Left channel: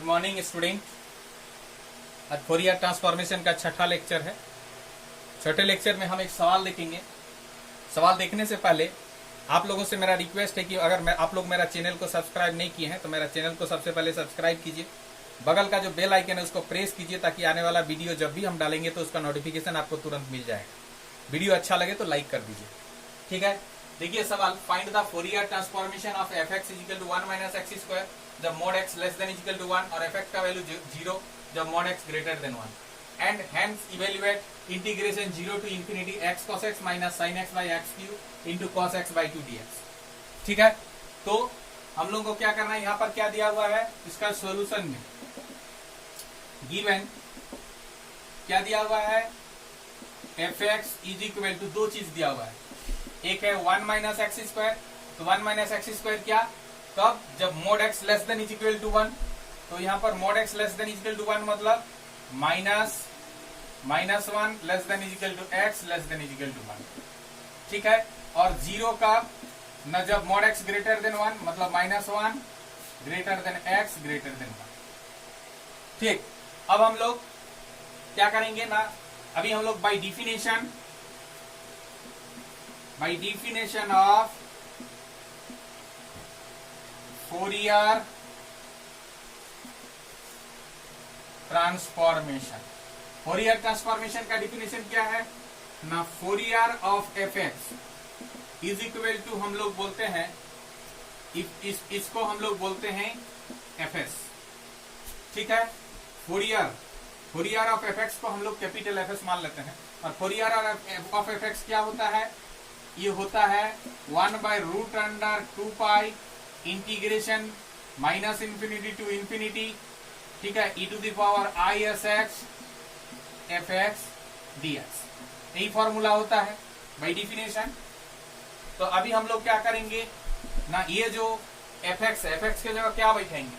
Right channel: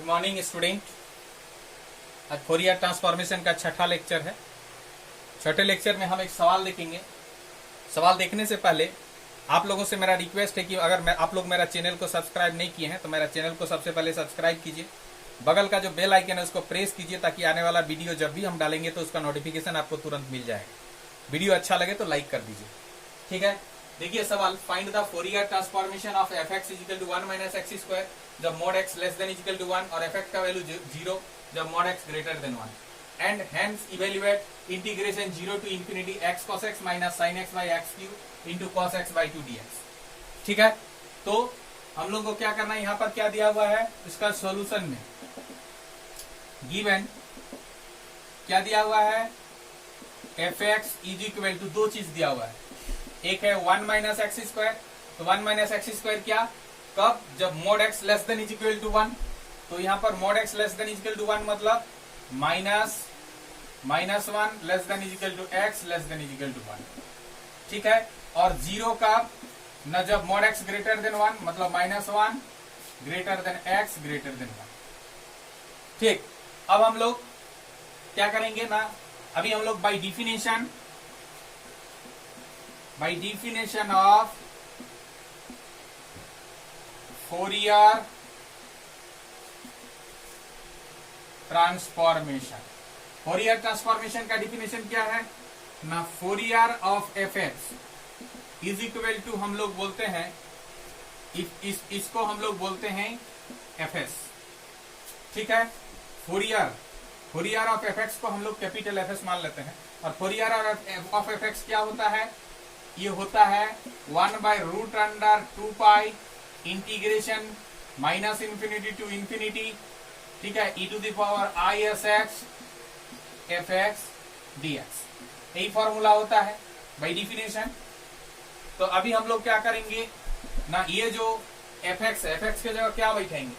Good morning student. आज Fourier transformation का छठा लेक्चर है। छठे लेक्चर में हम एक सवाल देखेंगे। सवाल देखने से पहले आप लोगों से मेरा रिक्वेस्ट है कि अगर आप लोग मेरा चैनल को सब्सक्राइब नहीं किए हैं तो मेरा चैनल को सबसे पहले सब्सक्राइब कीजिए। बगल का जो बेल आइकन है उसको प्रेस कीजिए ताकि आने वाला वीडियो जब भी हम डालेंगे तो उसका नोटिफिकेशन आपको तुरंत मिल जाएगा। वीडियो अच्छा लगे तो लाइक कर दीजिए, ठीक है। देखिए सवाल, find the Fourier transformation of F x is equal to 1 minus x square जब mod x less than equal to 1 और एफ एक्स का वैल्यू 0 जब mod X greater than 1 and hence evaluate integration 0 to infinity X cos X minus sine X by X cube into cos X by 2 dx। ठीक है, तो हम लोग को क्या करना है, यहाँ पर क्या दिया हुआ है, इसका सॉल्यूशन में गिवन क्या दिया हुआ है, f x is equal to दो चीज दिया हुआ है। एक है 1 माइनस एक्स स्क्वायर, तो 1 माइनस एक्स स्क्वायर क्या, कब, जब mod x less than is equal to 1। तो यहाँ पर mod x less than is equal to 1 मतलब -1 less than is equal to x less than is equal to 1। ठीक है, और 0 का न जब मोड एक्स ग्रेटर देन 1 मतलब -1 greater than x greater than 1। ठीक, अब हम लोग क्या करेंगे ना, अभी हम लोग by definition of Fourier transformation, Fourier transformation का डिफिनेशन क्या है ना, Fourier of F x is equal to हम लोग बोलते हैं इसको हम लोग बोलते हैं एफ एस। ठीक है, फोरियर ऑफ एफ एक्स को हम लोग कैपिटल एफ एस मान लेते हैं। और फोरियर ऑफ एफ एक्स क्या होता है, ये होता है 1/√2 pi integration minus infinity to infinity, ठीक है, e to the power i s x f x dx। यही फॉर्मूला होता है बाई डिफिनेशन। तो अभी हम लोग क्या करेंगे ना, ये जो एफ एक्स है, एफ एक्स के जगह क्या बैठाएंगे,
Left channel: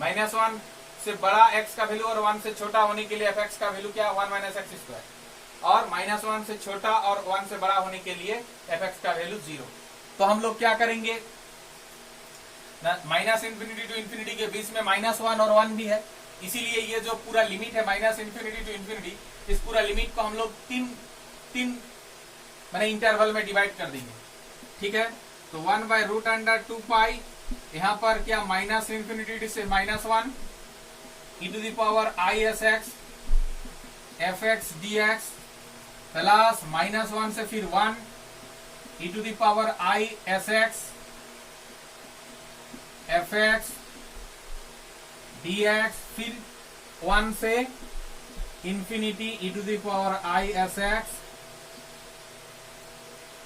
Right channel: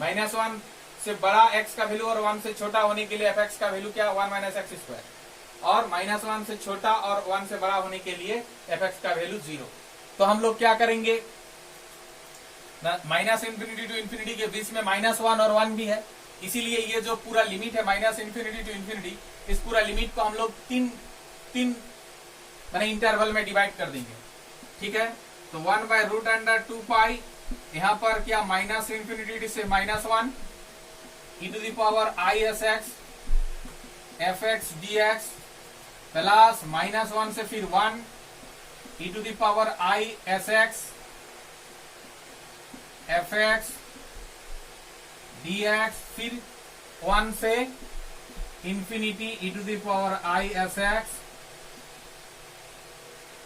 -1 से बड़ा x का वैल्यू और 1 से छोटा होने के लिए एफ एक्स का वैल्यू क्या, 1 माइनस एक्स स्क्वायर, और -1 से छोटा और 1 से बड़ा होने के लिए एफ एक्स का वैल्यू 0। तो हम लोग क्या करेंगे माइनस इंफिनिटी टू इंफिनिटी के बीच में -1 और 1 भी है, इसीलिए ये जो पूरा लिमिट है माइनस इंफिनिटी टू इंफिनिटी, इस पूरा लिमिट को हम लोग तीन मैंने इंटरवल में डिवाइड कर देंगे। ठीक है, तो 1/√2 पाई यहाँ पर क्या माइनस इंफिनिटी से -1 e to the power i s x f x dx plus -1 से फिर 1 e to the power i s x f x dx फिर 1 से infinity e to the power i s x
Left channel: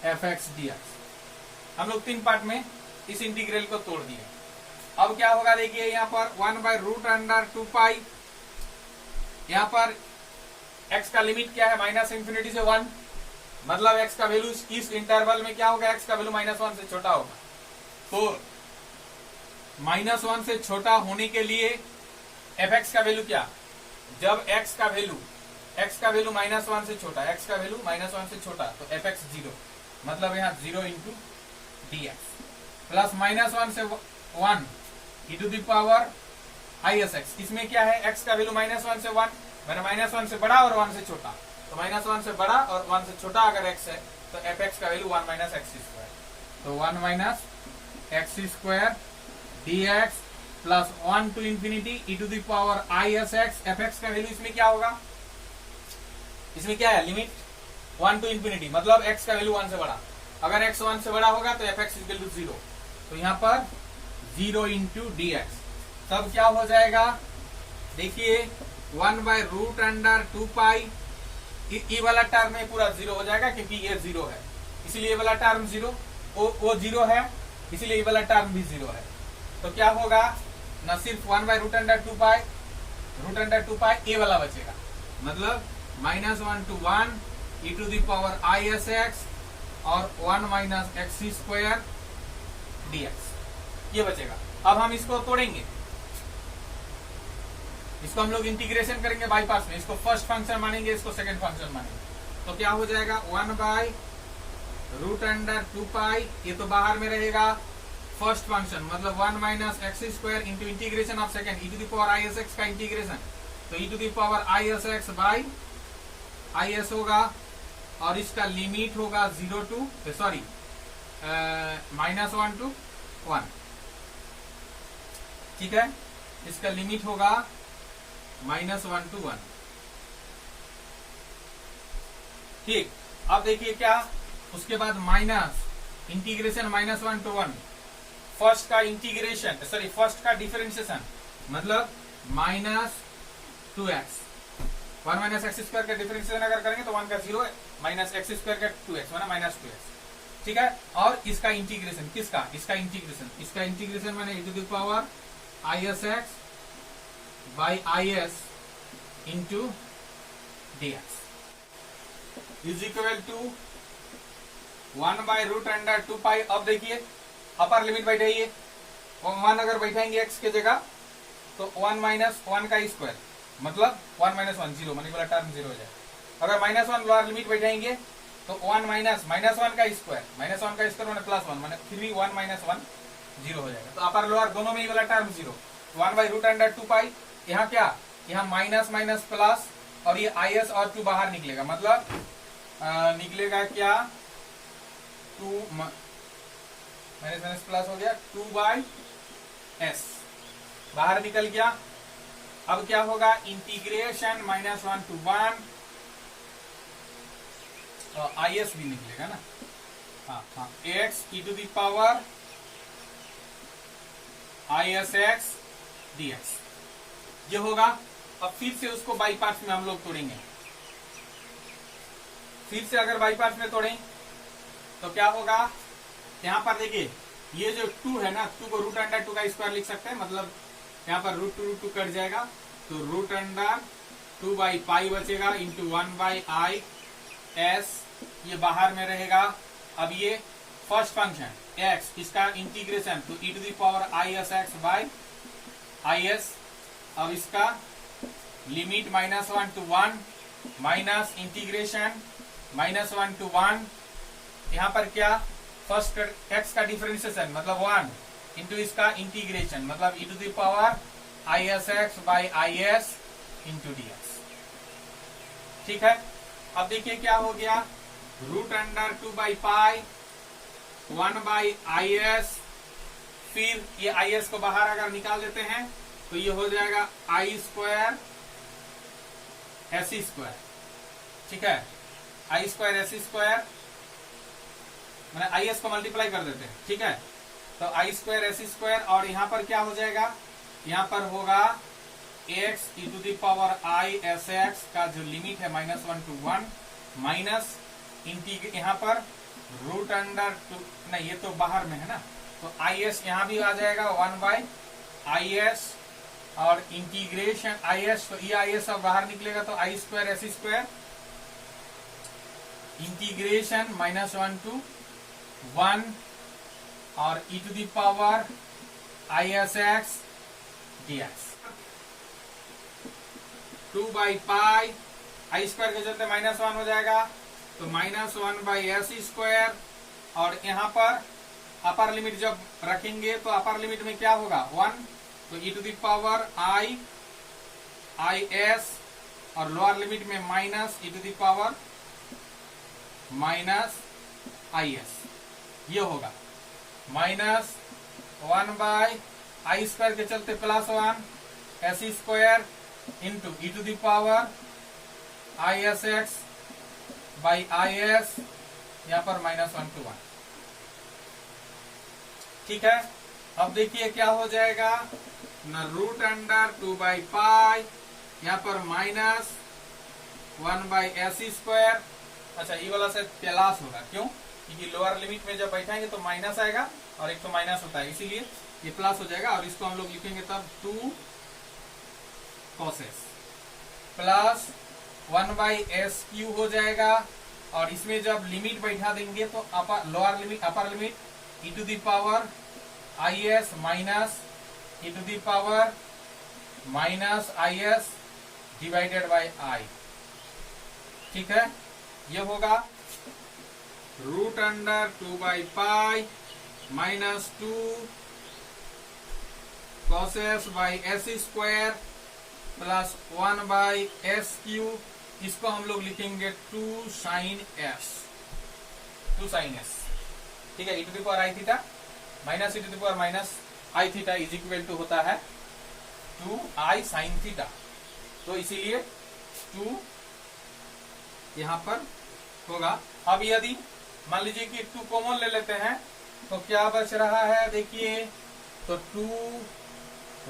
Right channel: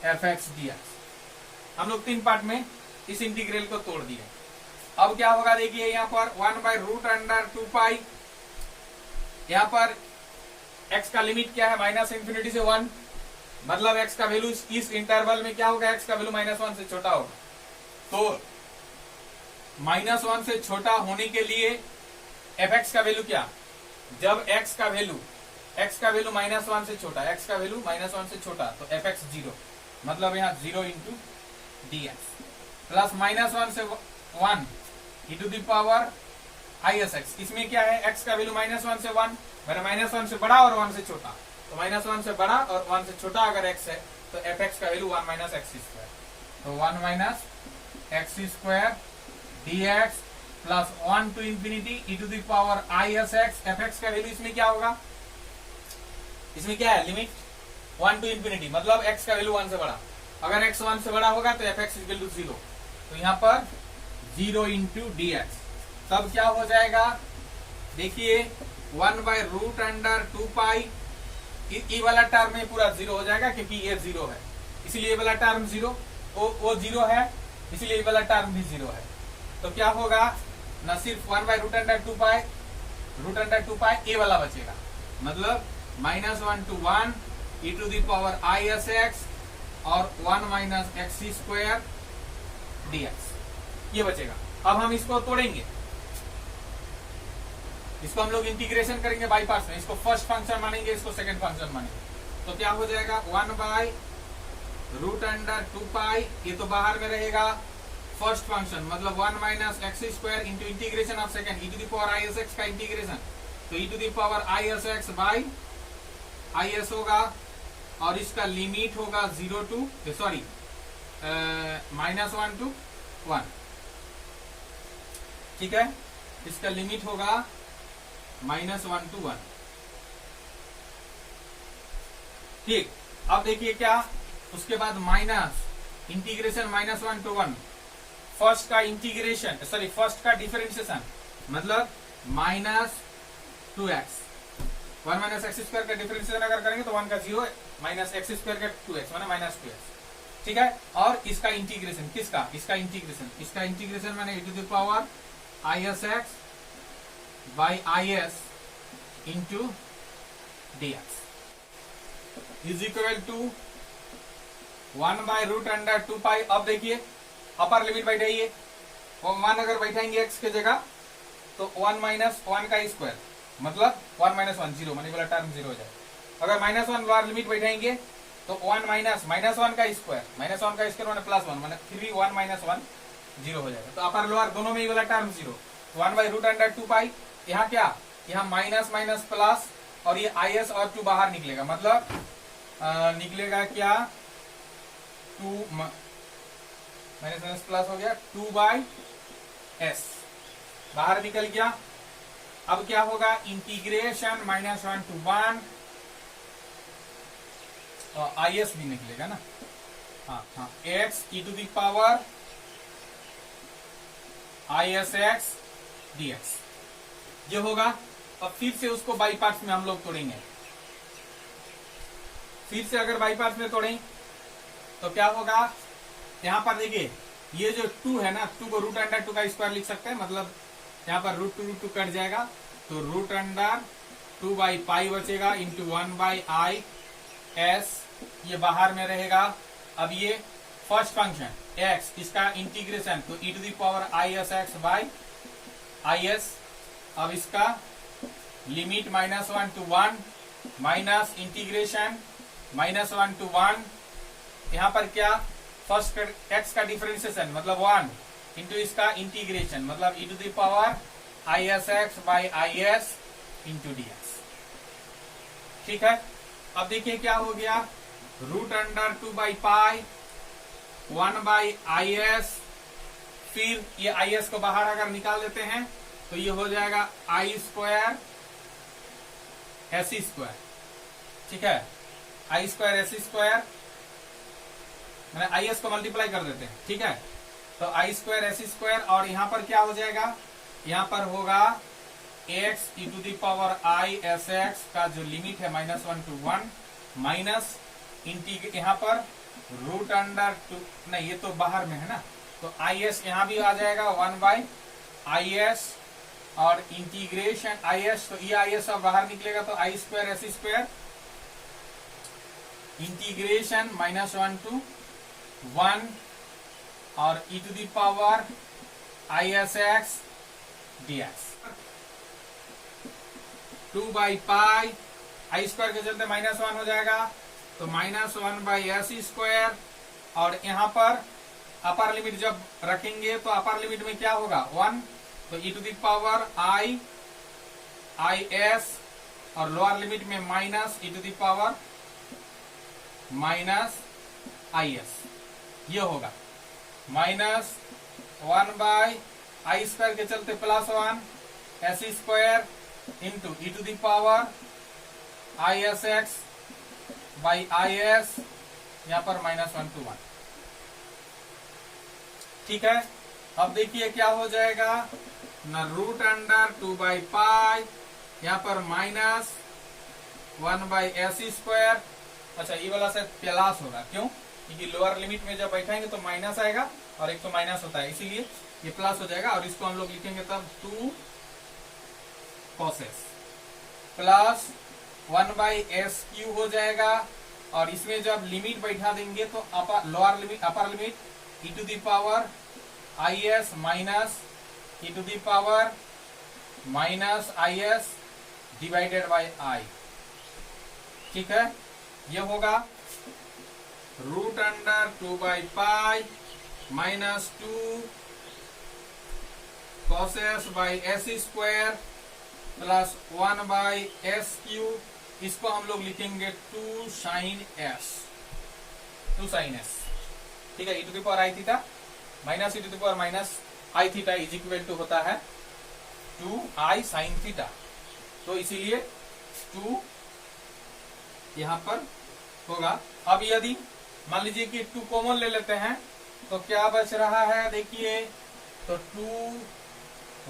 f x dx। हम लोग 3 part में इस integral को तोड़ दिए। अब क्या होगा, देखिए यहाँ पर 1/√2 पाई, यहाँ पर x का लिमिट क्या है, माइनस इंफिनिटी से 1 मतलब x का वैल्यू इस इंटरवल में क्या होगा, x का वैल्यू -1 से छोटा होगा। तो -1 से छोटा होने के लिए एफ एक्स का वैल्यू क्या, जब x का वैल्यू -1 से छोटा, x का वैल्यू -1 से छोटा तो एफ एक्स 0 मतलब यहाँ 0 इंटू dx प्लस -1 से 1 e to the power i s x। इसमें क्या है, x का वैल्यू -1 से 1 मेरा -1 से बड़ा और 1 से छोटा, तो -1 से बड़ा और 1 से छोटा अगर x है तो एफ एक्स का वैल्यू 1 माइनस एक्स स्क्वायर, तो 1 minus x square dx plus 1 to infinity e to the power i s x f x का वैल्यू इसमें क्या होगा, इसमें क्या है लिमिट 1 टू इंफिनिटी मतलब x का वैल्यू 1 से बड़ा, अगर x 1 से बड़ा होगा तो एफ एक्स इक्वल टू 0, तो यहाँ पर 0 इंटू dx। तब क्या हो जाएगा, देखिए 1/√2 पाई, ये वाला टर्म में पूरा 0 हो जाएगा क्योंकि ये 0 है, इसीलिए ये वाला टर्म 0, वो 0 है इसीलिए ये वाला टर्म भी 0 है। तो क्या होगा न, सिर्फ 1/√2 पाई √2 पाई ये वाला बचेगा, मतलब -1 to 1 e to the power i s x और 1 माइनस एक्स स्क्वायर dx ये बचेगा। अब हम इसको तोड़ेंगे, इसको हम लोग इंटीग्रेशन करेंगे बाई पार्ट्स में, इसको फर्स्ट फंक्शन मानेंगे, इसको सेकंड फंक्शन मानेंगे। तो क्या हो जाएगा 1/√2 पाई, ये तो बाहर में रहेगा, फर्स्ट फंक्शन मतलब 1 minus x square into integration of second E to the power I S x का इंटीग्रेशन, तो E to the power I S x by I S होगा और इसका लिमिट होगा 0 टू सॉरी -1 टू 1। ठीक है, इसका लिमिट होगा -1 टू 1। ठीक, अब देखिए क्या, उसके बाद माइनस इंटीग्रेशन -1 टू 1, फर्स्ट का इंटीग्रेशन सॉरी फर्स्ट का डिफरेंशिएशन मतलब -2x, 1 माइनस एक्स स्क्वायर का डिफरेंशिएशन अगर करेंगे तो 1 का 0 माइनस एक्स स्क्वायर का 2x माना -2x। ठीक है, और इसका इंटीग्रेशन किसका, इसका इंटीग्रेशन मैंने e to the power I S x by I S into D x is equal to 1 by root under 2 pi. अब देखिए अपर लिमिट बैठाइए, 1 अगर बैठाएंगे एक्स के जगह तो 1 माइनस 1 का स्क्वायर मतलब 1 माइनस 1 0 माने वाला टर्म 0 हो जाए। अगर -1 लोअर लिमिट बैठाएंगे तो 1 माइनस -1 का स्क्वायर माने +1 माने फिर भी 1 माइनस 1 0 हो जाएगा। तो अपर लोअर दोनों में ही वाला टर्म 0, 1 बाई रूट अंडर 2 पाई। यहाँ क्या, यहाँ माइनस माइनस प्लस और ये आई एस और 2 बाहर निकलेगा मतलब निकलेगा क्या 2 माइनस माइनस प्लस हो गया 2 बाई एस बाहर निकल गया। अब क्या होगा, इंटीग्रेशन -1 टू 1 आई एस भी निकलेगा ना, हाँ x e to the power I S x D x ये होगा। अब फिर से उसको बाई पार्ट्स में हम लोग तोड़ेंगे, फिर से अगर बाई पार्ट्स में तोड़ें तो क्या होगा, यहां पर देखिए ये जो 2 है ना, 2 को रूट अंडर 2 का स्क्वायर लिख सकते हैं मतलब यहाँ पर √2 कट जाएगा तो रूट अंडर 2 बाई पाई बचेगा इंटू 1 बाई आई एस ये बाहर में रहेगा। अब ये फर्स्ट फंक्शन एक्स इसका इंटीग्रेशन तो E to the power I S x by I S. अब इसका limit -1 to 1 minus integration -1 to 1। यहाँ पर क्या, फर्स्ट एक्स का डिफरेंशिएशन मतलब 1 इंटू इसका इंटीग्रेशन मतलब E to the power I S x by I S into D X. ठीक है, अब देखिए क्या हो गया, root under 2 by pi 1 by I S, फिर ये आई एस को बाहर अगर निकाल देते हैं तो ये हो जाएगा आई स्क्वायर एस स्क्वायर। ठीक है, आई स्क्वायर एस स्क्वायर मैंने आई एस को मल्टीप्लाई कर देते हैं। ठीक है, तो आई स्क्वायर एस स्क्वायर और यहाँ पर क्या हो जाएगा, यहाँ पर होगा x e to the power I S x का जो लिमिट है -1 टू 1 माइनस इंटीग्रेट यहाँ पर रूट अंडर 2 नहीं ये तो बाहर में है ना, तो आई एस यहाँ भी आ जाएगा 1 बाई आई एस और इंटीग्रेशन आई एस, तो ये आई एस अब बाहर निकलेगा तो I square S square integration -1 to 1 और E to the power I S x D X 2 by pi I square के चलते -1 हो जाएगा तो -1 बाई एस स्क्वायर और यहाँ पर अपर लिमिट जब रखेंगे तो अपर लिमिट में क्या होगा 1 तो E to the power I S और लोअर लिमिट में minus E to the power minus I S ये होगा -1 बाई आई स्क्वायर के चलते +1 S square into E to the power I S x by I S यहाँ पर -1 to 1। ठीक है, अब देखिए क्या हो जाएगा ना, रूट अंडर 2 बाई पाई यहाँ पर -1 बाई एस स्क्वायर। अच्छा ये वाला शायद प्लस होगा, क्यों, क्योंकि लोअर लिमिट में जब बैठाएंगे तो माइनस आएगा और एक तो माइनस होता है इसीलिए ये प्लस हो जाएगा और इसको हम लोग लिखेंगे तब 2 cos s प्लस 1 बाई एस क्यू हो जाएगा और इसमें जब लिमिट बैठा देंगे तो lower limit upper limit e to the power I s minus E to the power minus I s divided by i. ठीक है, ये होगा root under 2 by pi minus 2 cos s by s square plus 1 by S q, इसको हम लोग लिखेंगे 2 sign s, 2 sign s। ठीक है, e to the power i theta minus e to the power minus i theta is equal to होता है 2 i sine theta. तो इसीलिए 2 यहां पर होगा। अब यदि मान लीजिए कि 2 कॉमन ले लेते हैं तो क्या बच रहा है, देखिए तो 2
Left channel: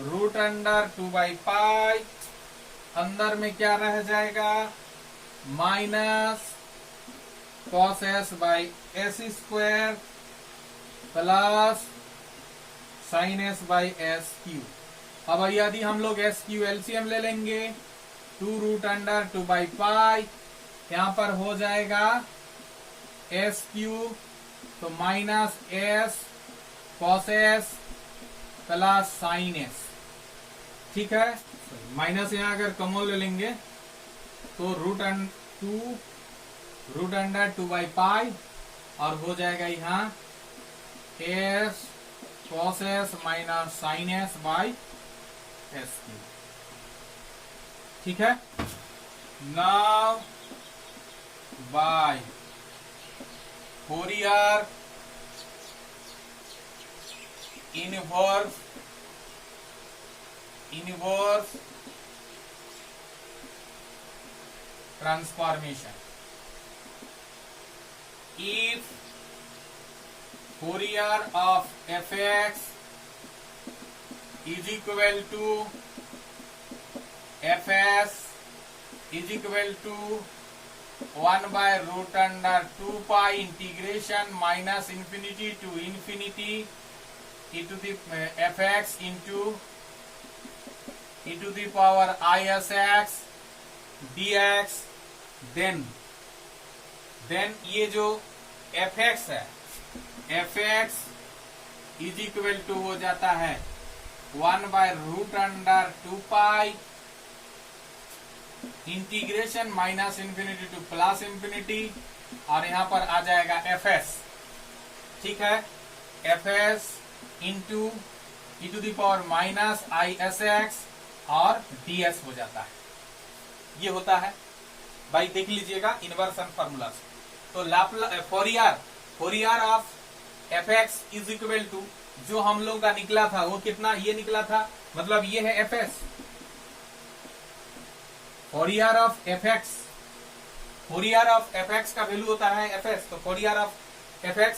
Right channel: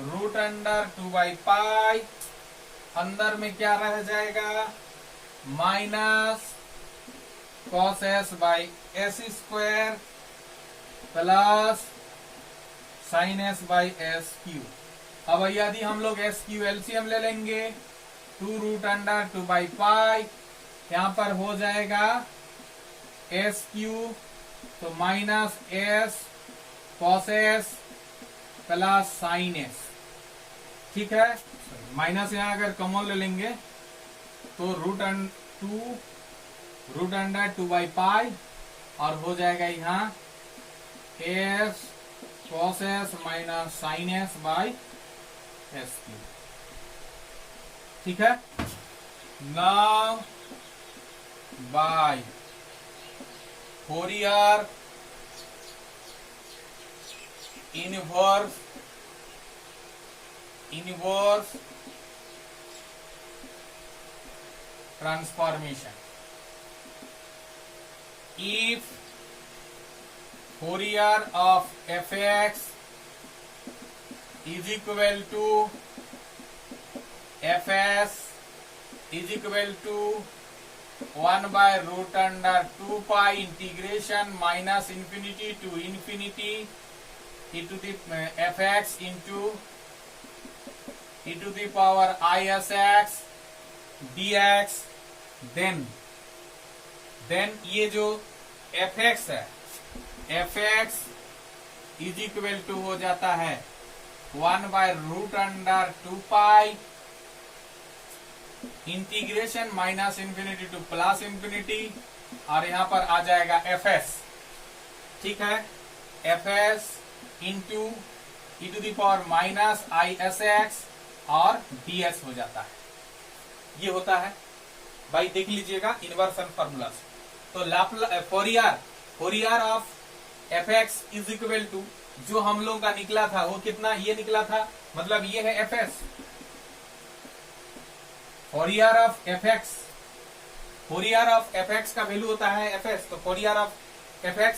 रूट अंडर 2 बाई पाई, अंदर में क्या रह जाएगा minus cos S by s square plus sine S by S cube. अब यदि हम लोग एस क्यू एलसीएम ले लेंगे 2 रूट अंडर 2 बाई पाई, यहां पर हो जाएगा एस क्यू तो minus s cos s plus sine s. ठीक है, माइनस यहां अगर कॉमन ले लेंगे तो two root under 2 by pi और हो जाएगा यहां s cos S minus sine S by S q. ठीक है, now by Fourier inverse transformation, if Fourier of fx is equal to fs is equal to 1 by root under 2 pi integration minus infinity to infinity e to the fx into e to the power isx dx, then ये जो fx है, fx is equal to हो जाता है 1 by root under 2 pi integration minus infinity to plus infinity, और यहां पर आ जाएगा fs। ठीक है, fs into E to the power minus isx और ds हो जाता है। ये होता है भाई, देख लीजिएगा इन्वर्सन फॉर्मूला। तो Fourier of fx is equal to जो हम लोग का निकला था वो कितना, ये निकला था, मतलब ये है fs। फोरियर ऑफ fx का वैल्यू होता है fs, तो फोरियर ऑफ fx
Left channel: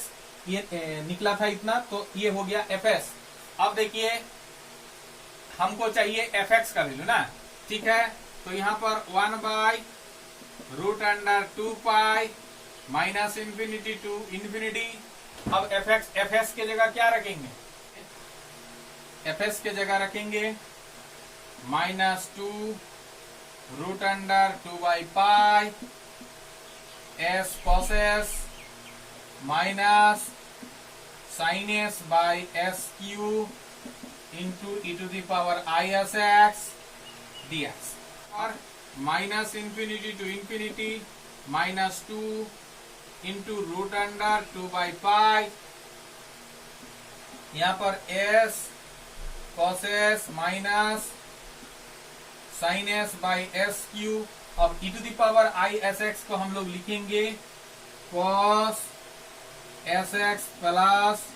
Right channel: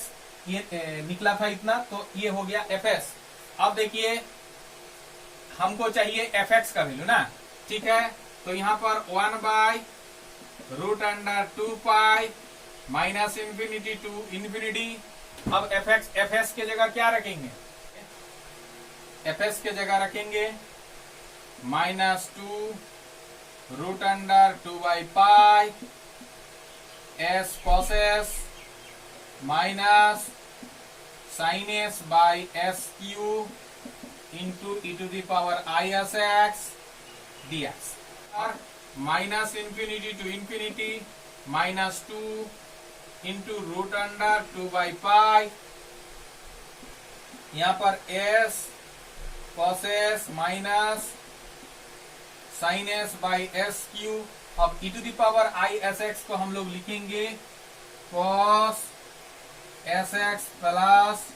ये निकला था इतना, तो ये हो गया fs। अब देखिए हमको चाहिए fx का वैल्यू ना, ठीक है, तो यहां पर 1 by root under 2 pi minus infinity to infinity. अब fs के जगह क्या रखेंगे, fs के जगह रखेंगे minus 2 root under 2 by pi S cos S minus sine S by S Q into E to the power I S x D X, और minus infinity to infinity minus 2 into root under 2 by pi, यहां पर S cos S minus sine S by S cube. अब E to the power I S X को हम लोग लिखेंगे cos S X plus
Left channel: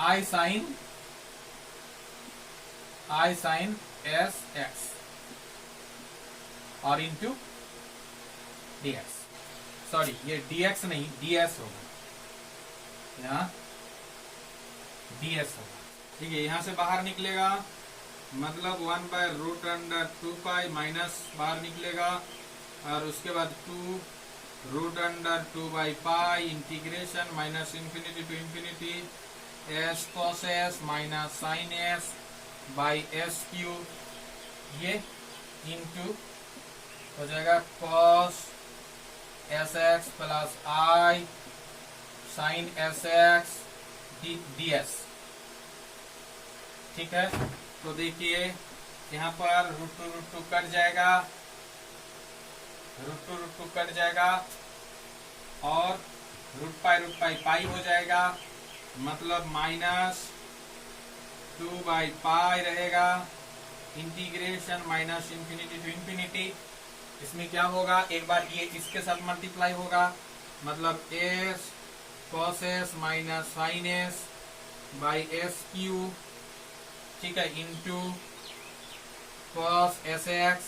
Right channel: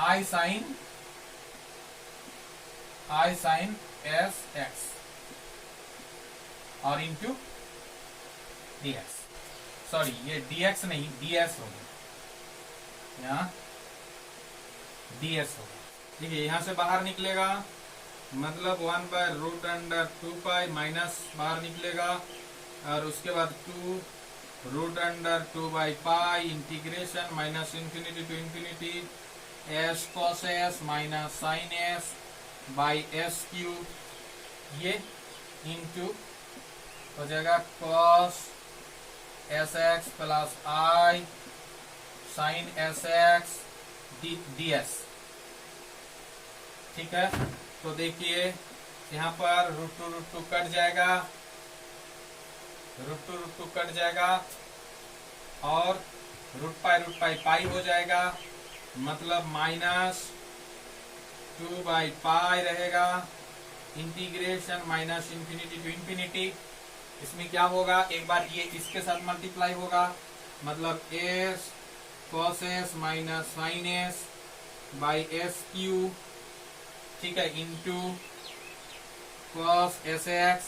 I sine S x और into dx, sorry ये dx नहीं ds होगा, यहाँ ds होगा। ठीक है, यहां से बाहर निकलेगा मतलब 1 by root under 2 pi minus बाहर निकलेगा, और उसके बाद 2 root under 2 by pi integration minus infinity to infinity S cos S minus sine S by S cube, ये इंटू हो जाएगा cos S X plus I sine S x D S. ठीक है, तो देखिए यहाँ पर रूट टू कट जाएगा, रूट टू कट जाएगा और रूट पाई पाई हो जाएगा, मतलब -2/π रहेगा, इंटीग्रेशन -इन्फिनिटी टू इन्फिनिटी। इसमें क्या होगा, एक बार ये इसके साथ मल्टीप्लाई होगा, मतलब s cos s minus sine s by S q, ठीक है, into cos s x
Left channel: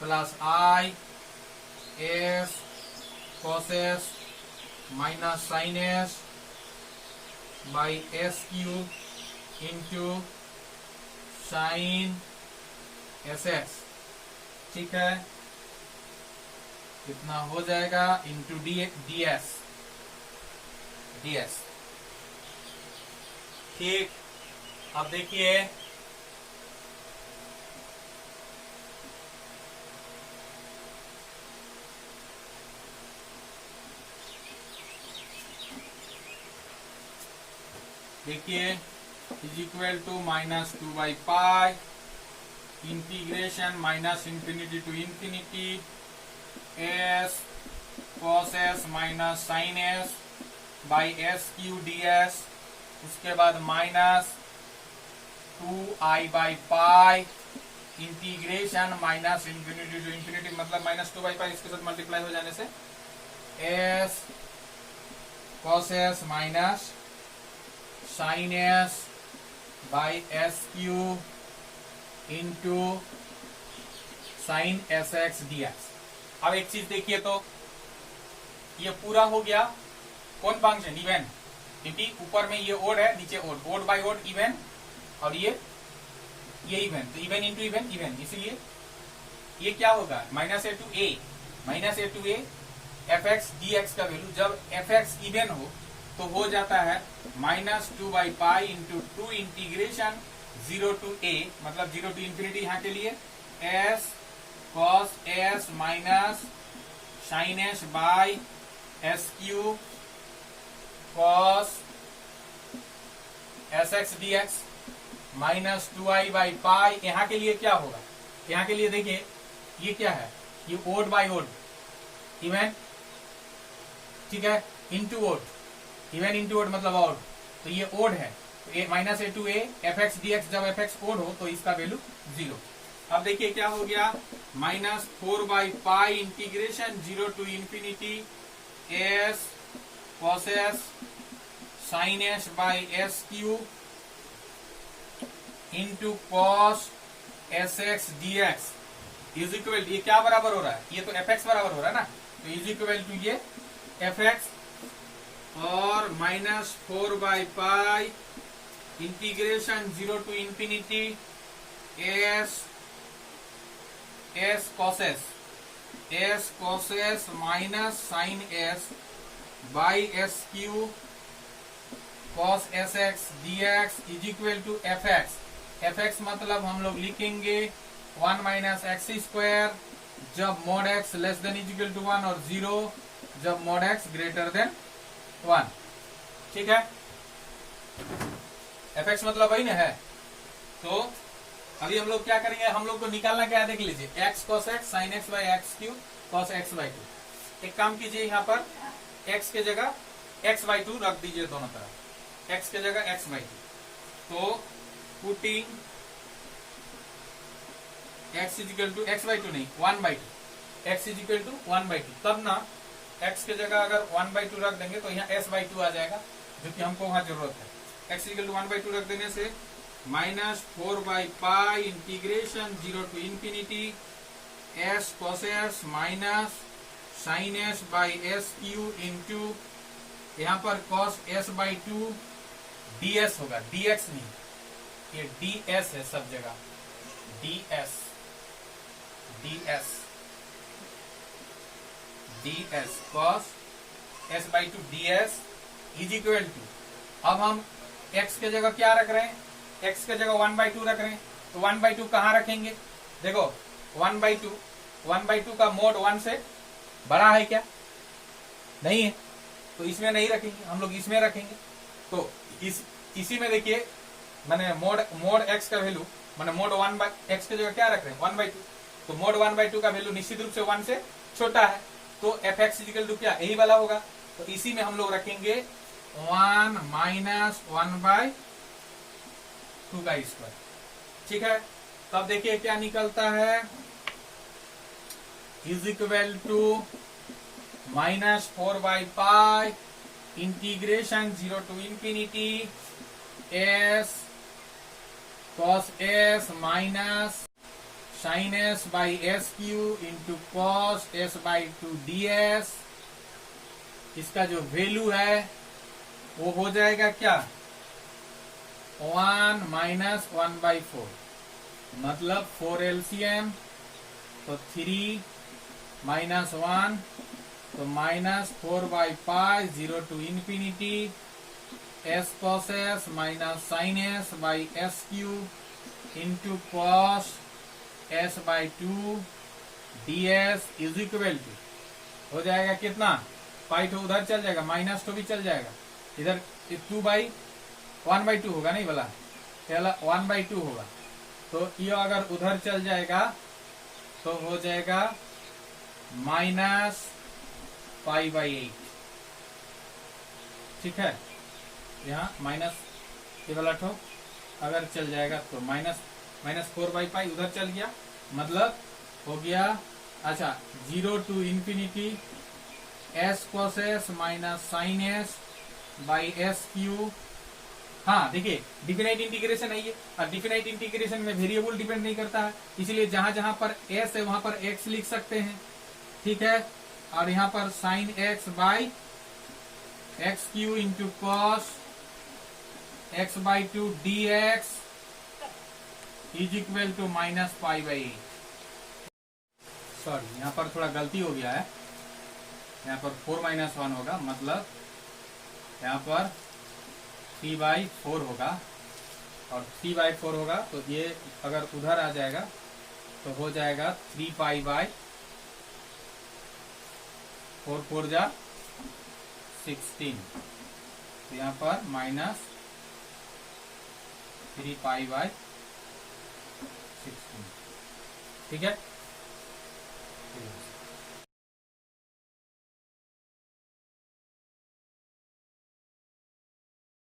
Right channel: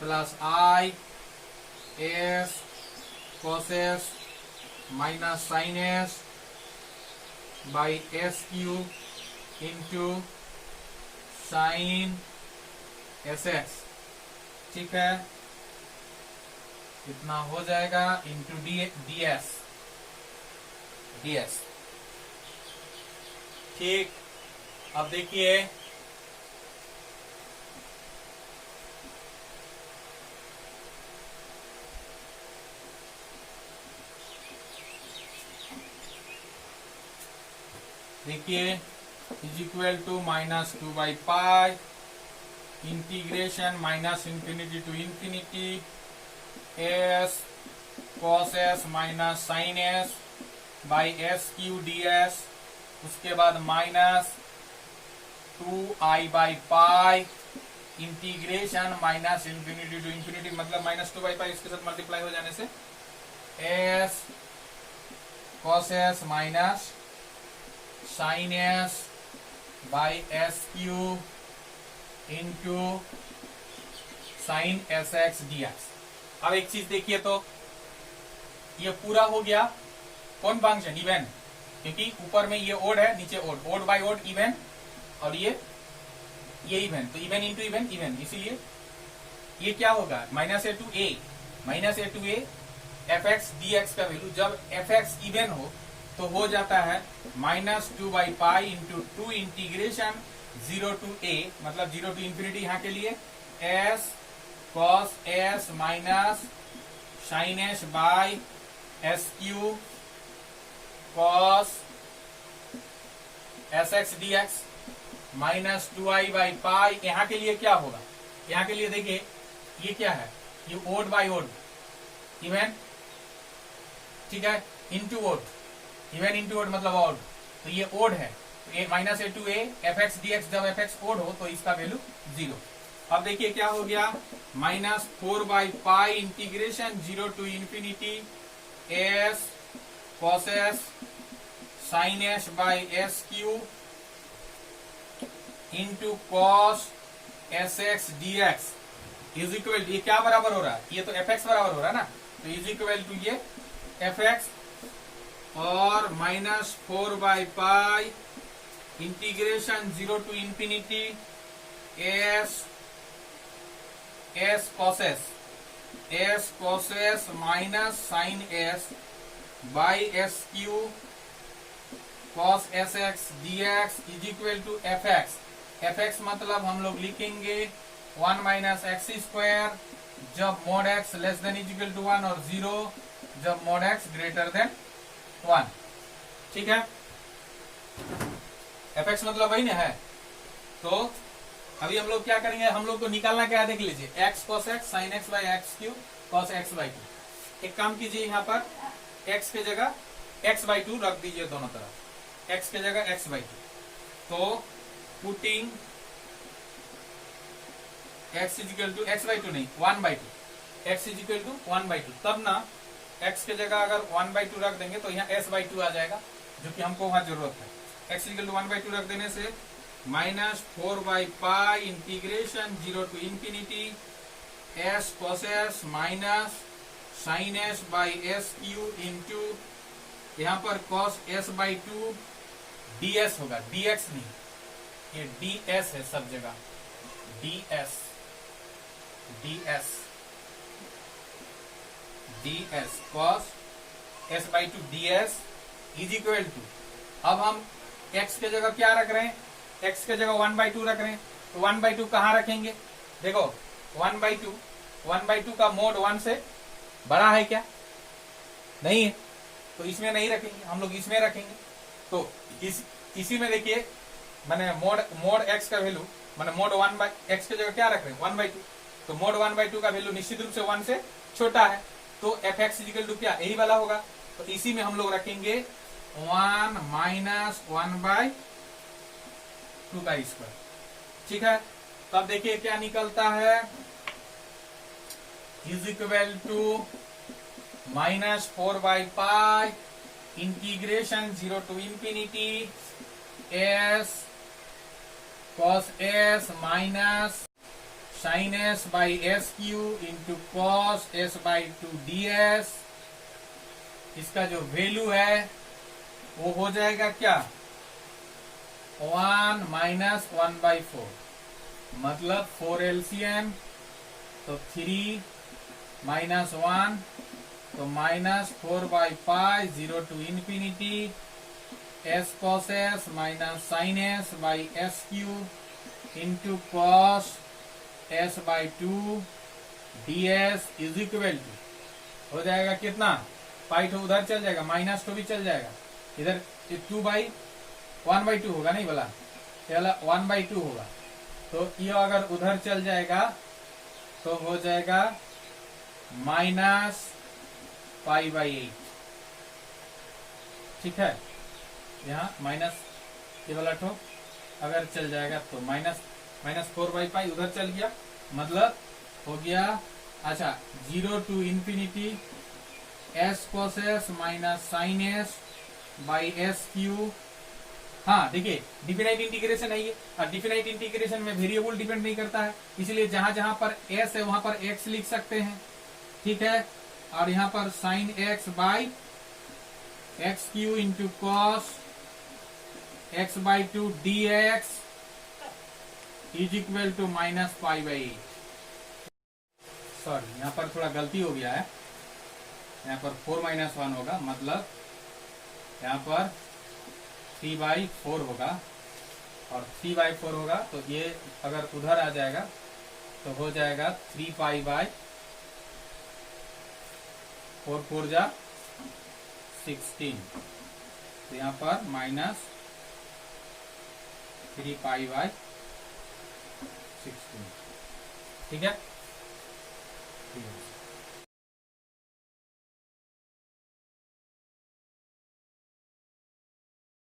plus i s cos s minus sine s by S Q into sine S x, ठीक है, कितना हो जाएगा इंटू ds। ठीक, अब देखिए is equal to -2/π integration -infinity to infinity s cos s minus sine s by S cube ds, उसके बाद -2i/π integration -infinity to infinity, मतलब -2/π इसके साथ मल्टीप्लाई हो जाने से s cos s minus sine s by S Q into sine S x dx। अब एक चीज देखिए, तो ये पूरा हो गया कौन फंक्शन, इवन, क्योंकि ऊपर में ये ओड है, नीचे ओड बाय ओड इवन, और ये इवन, तो इवन इंटू इवन इवन, इसलिए ये क्या होगा -a to a f x D x का वैल्यू, जब एफ एक्स इवन हो हो जाता है -2/π इंटू 2 इंटीग्रेशन 0 टू a, मतलब 0 टू इन्फिनिटी यहाँ के लिए s cos s minus sine s by S Q cos S x D x -2i/π। यहाँ के लिए क्या होगा, यहाँ के लिए देखिए ये क्या है, ये ओड बाई ओड इवन, ठीक है, into odd, even into odd मतलब ओड, तो ये ओड है, तो -a to a f x D x, जब एफ एक्स ओड हो तो इसका वैल्यू 0। अब देखिए क्या हो गया, -4/π integration 0 to infinity s cos s sine s by S Q into cos S x D x is equal, ये क्या बराबर हो रहा है, ये तो एफ एक्स बराबर हो रहा है ना, तो इज इक्वल टू ये एफ एक्स और -4/π integration 0 to infinity s cos s minus sine s by S Q cos S x D x is equal to F X मतलब हम लोग लिखेंगे 1 माइनस एक्स स्क्वायर जब mod x less than is equal to 1 और 0 जब mod x greater than 1, ठीक है, f X मतलब वही ना है। तो अभी हम लोग क्या करेंगे, हम लोग को निकालना क्या है, देख लीजिए, x cos x sine x by x q cos x/2। एक काम कीजिए, यहाँ पर x के जगह x/2 रख दीजिए दोनों तरफ, x के जगह x/2, तो putting x is equal to x/2 नहीं 1/2, x इज इक्वल टू 1/2, तब ना x के जगह अगर 1/2 रख देंगे तो यहाँ s/2 आ जाएगा, जो कि हमको वहां जरूरत है। x इज इक्वल टू 1/2 रख देने से -4/π integration 0 to infinity s cos s minus sine s by S Q into यहाँ पर cos s/2 ds होगा, dx नहीं, ये ds है सब जगह, ds cos s/2 ds is equal to, अब हम x के जगह क्या रख रहे हैं, x के जगह 1/2 रख रहे हैं, तो 1/2 कहाँ रखेंगे, देखो 1/2 का मोड 1 से बड़ा है क्या, नहीं है, तो इसमें नहीं रखेंगे, हम लोग इसमें रखेंगे। तो इसी में देखिए मैंने मोड x का वैल्यू, मैंने मोड 1/x के जगह क्या रख रहे हैं 1/2, तो मोड 1/2 का वैल्यू निश्चित रूप से 1 से छोटा है, तो एफ एक्स इक्वल टू क्या, यही वाला होगा, तो इसी में हम लोग रखेंगे 1 माइनस 1/2 का स्क्वायर। ठीक है, तब देखिए क्या निकलता है, is equal to -4/π integration 0 to infinity s cos s minus sin s by s Q into cos s/2 ds। इसका जो वैल्यू है वो हो जाएगा क्या, 1 माइनस 1/4, मतलब 4 LCM, तो 3 माइनस 1, तो -4/π 0 to infinity s cos s minus sin s by s Q into cos s/2 ds is equal to हो जाएगा कितना, पाई तो उधर चल जाएगा, माइनस तो भी चल जाएगा, इधर 1/2 होगा, नहीं बोला, पहला 1/2 होगा, तो ये अगर उधर चल जाएगा तो हो जाएगा -π/8। ठीक है, यहाँ माइनस ये वाला ठो अगर चल जाएगा तो -4/π उधर चल गया, मतलब हो गया, अच्छा 0 to infinity s cos s minus sin s by s Q. हाँ देखिए, डिफिनाइट इंटीग्रेशन है ये, और डिफिनाइट इंटीग्रेशन में वेरिएबल डिपेंड नहीं करता है, इसलिए जहां जहां पर s है वहां पर x लिख सकते हैं। ठीक है, और यहाँ पर sin x by x cube into cos x/2 dx is equal to -π/8। Sorry, यहाँ पर थोड़ा गलती हो गया है, यहाँ पर 4 - 1 होगा, मतलब यहाँ पर 3/4 होगा, और 3/4 होगा तो ये अगर उधर आ जाएगा तो हो जाएगा 3π/4, 4 जा 16, तो यहाँ पर -3π/16। ठीक है, ठीक है।